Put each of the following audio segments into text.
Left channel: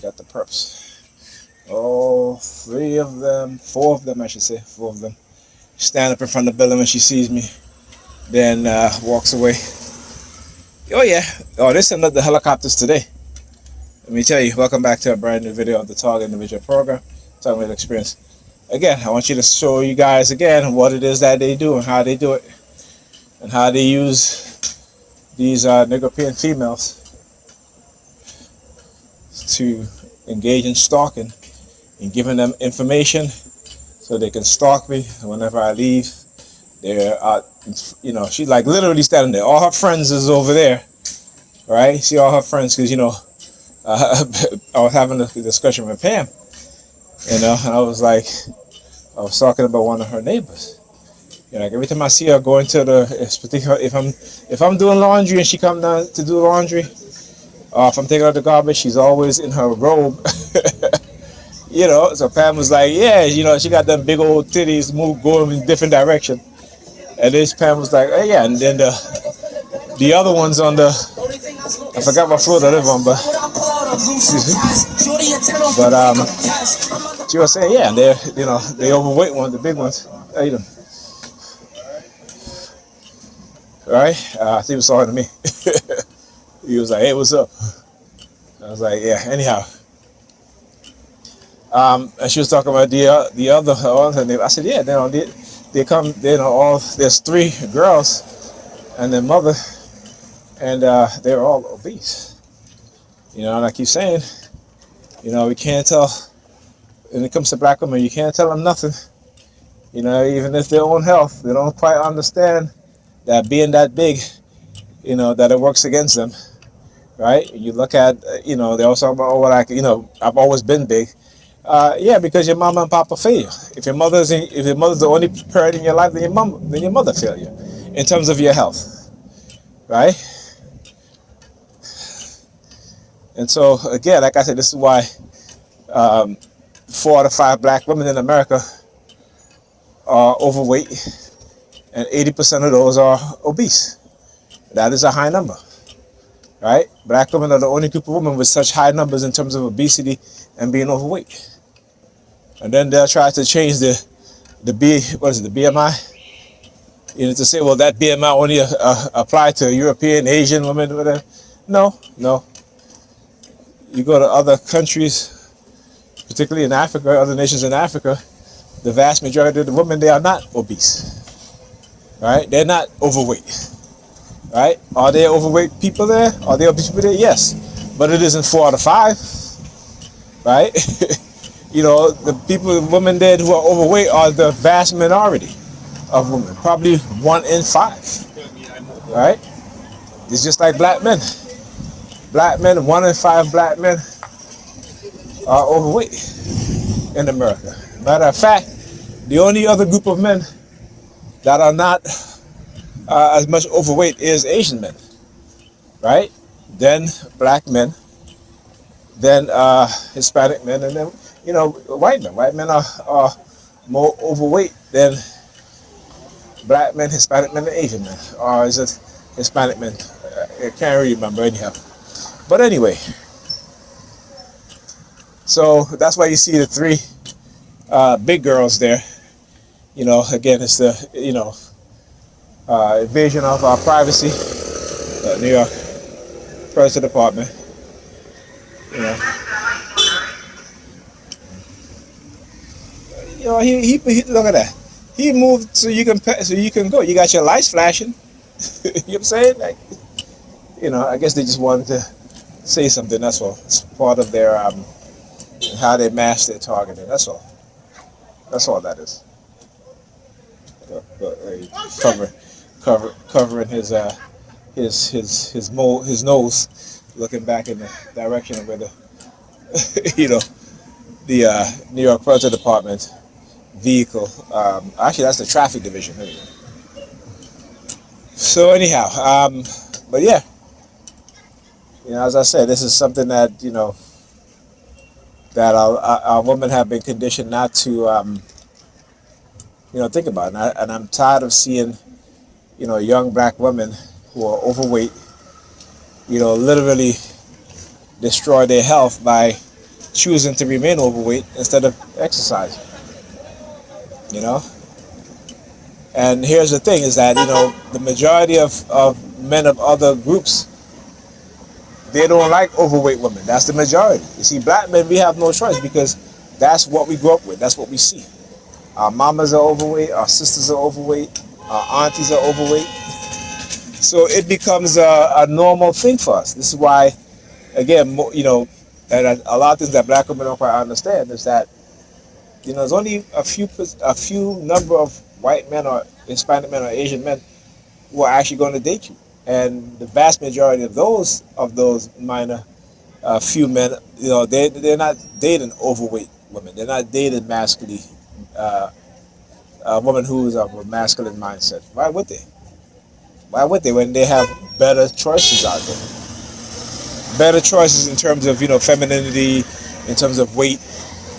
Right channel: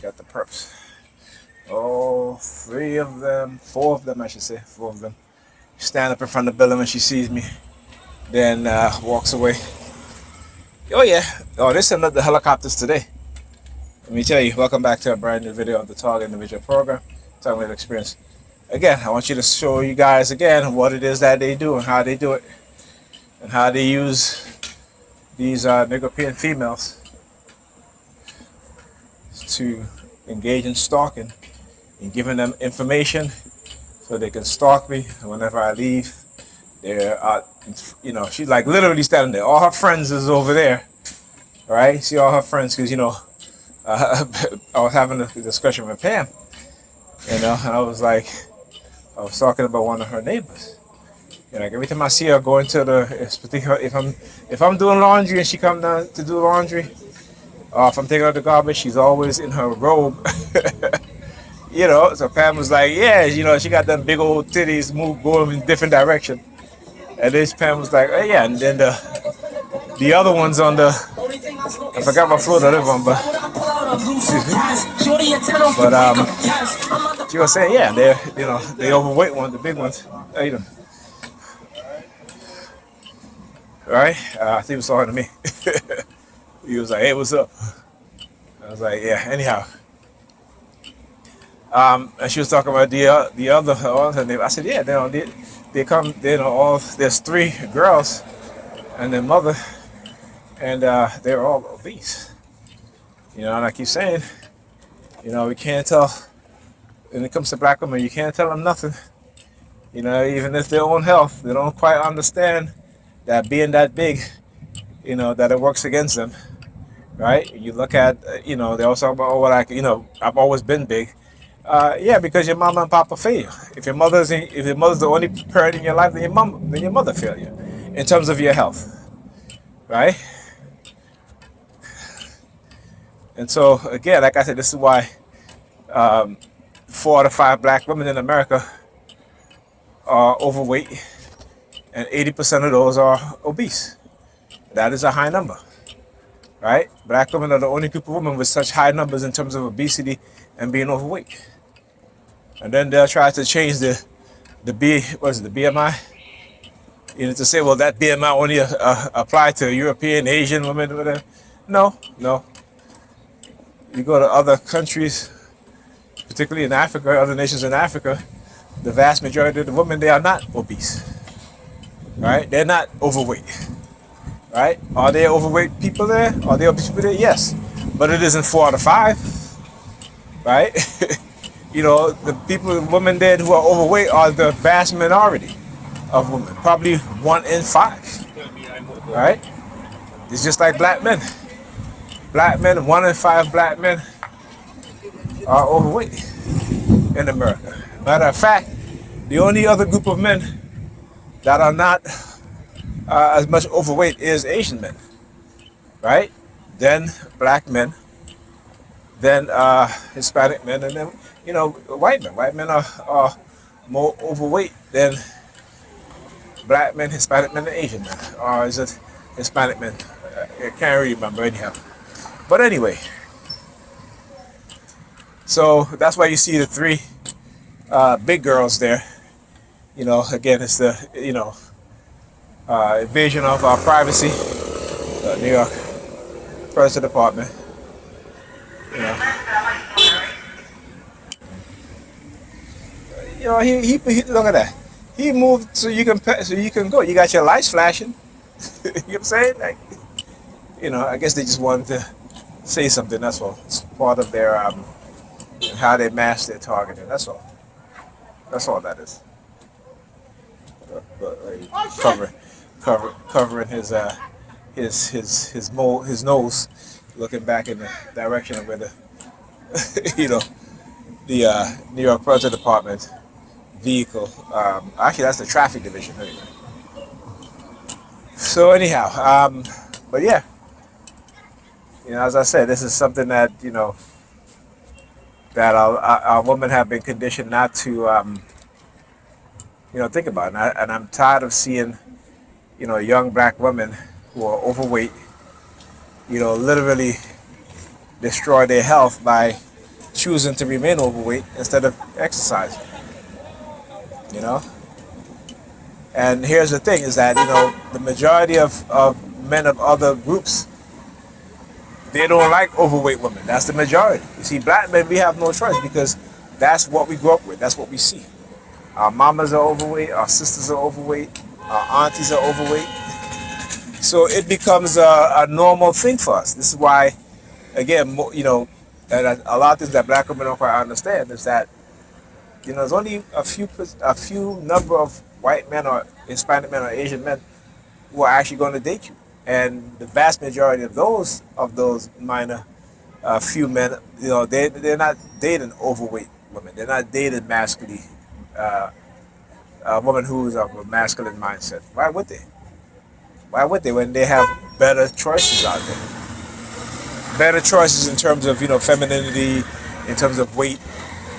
got the perps. Oh, 3 of them, 4 of them, I should say, 4 of them. Stand up in front of the building when she sees me, then walks away. Oh yeah. Oh, this is another helicopters today. Let me tell you, welcome back to a brand new video of the Target Individual Program, Talking with Experience. Again, I want you to show you guys again what it is that they do and how they do it, and how they use these Negropean females to engage in stalking and giving them information so they can stalk me. And whenever I leave, they're out, she's like literally standing there. All her friends is over there, right? See all her friends, because, I was having a discussion with Pam, and I was talking about one of her neighbors. Like every time I see her going to if I'm doing laundry and she comes down to do laundry, if I'm taking out the garbage, she's always in her robe. So Pam was like, yeah, she got them big old titties going in different direction. And this Pam was like, oh yeah, and then the other ones on the, I forgot what floor they live on, but excuse me. But she was saying, yeah, they overweight one, the big ones. Right? I think he was talking to me. He was like, hey, what's up? I was like, yeah, anyhow. And she was talking about the other neighbor. I said, yeah, they come, there's 3 girls and their mother, and they're all obese. And I keep saying, we can't tell, when it comes to black women, you can't tell them nothing. Even if their own health, they don't quite understand that being that big, that it works against them, right? You look at, they also talk about, I've always been big. Yeah, because your mama and papa fail you. If your mother's the only parent in your life, then your mother failed you in terms of your health, right? And so again, like I said, this is why 4 out of 5 black women in America are overweight, and 80% of those are obese. That is a high number, right? Black women are the only group of women with such high numbers in terms of obesity and being overweight. And then they'll try to change the BMI? To say, well, that BMI only apply to European, Asian women, whatever. No. You go to other countries, particularly in Africa, other nations in Africa, the vast majority of the women, they are not obese, right? They're not overweight, right? Are there overweight people there? Are there obese people there? Yes, but it isn't 4 out of 5, right? The women there who are overweight are the vast minority of women, probably 1 in 5, right? It's just like black men. Black men, 1 in 5 black men are overweight in America. Matter of fact, the only other group of men that are not as much overweight is Asian men, right? Then black men, then Hispanic men, and then white men. White men are more overweight than black men, Hispanic men, and Asian men. Or is it Hispanic men? I can't really remember anyhow. But anyway, so that's why you see the 3 big girls there. Again, it's the invasion of our privacy. New York First Department. He look at that. He moved so you can go. You got your lights flashing. You know what I'm saying? Like, I guess they just wanted to say something. That's all. It's part of their how they mask their targeting. That's all. That's all that is. Covering his nose, looking back in the direction of where the the New York Police Department vehicle. Actually, that's the traffic division. Anyway. So anyhow, but yeah, as I said, this is something that that our women have been conditioned not to think about, and I'm tired of seeing young black women who are overweight, literally destroy their health by choosing to remain overweight instead of exercising. You know, and here's the thing: is that the majority of men of other groups, they don't like overweight women. That's the majority. You see, black men, we have no choice because that's what we grew up with. That's what we see. Our mamas are overweight. Our sisters are overweight. Our aunties are overweight. So it becomes a normal thing for us. This is why, again, that a lot of things that black women don't quite understand is that there's only a few number of white men or Hispanic men or Asian men who are actually going to date you, and the vast majority of those minor few men, they're not dating overweight women. They're not dating masculine a woman who's of a masculine mindset. Why would they? Why would they when they have better choices out there? Better choices in terms of femininity, in terms of weight,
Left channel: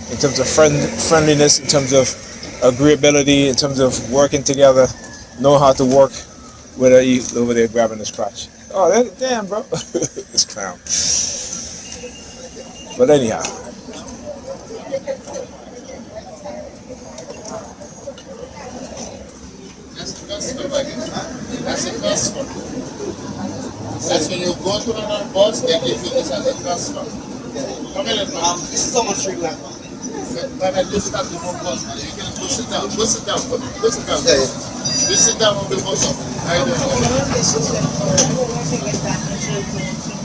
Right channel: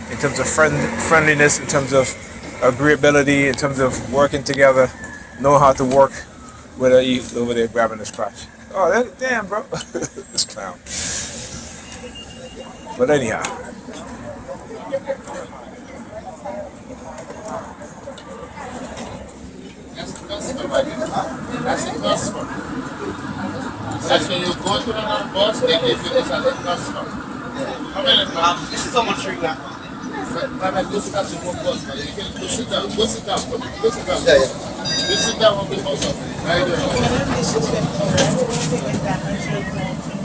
in terms of friendliness, in terms of agreeability, in terms of working together, know how to work. Whether you over there grabbing his crotch. Oh, damn, bro, this clown. But anyhow, That's the best one. That's the first one. That's when you go to another bus, they give you this as a first one. Come in, this is how much you got. But I just start the one bus, man. You can go sit down. Go sit down. Go sit down. Yeah, yeah. You sit down on the bus. I don't know.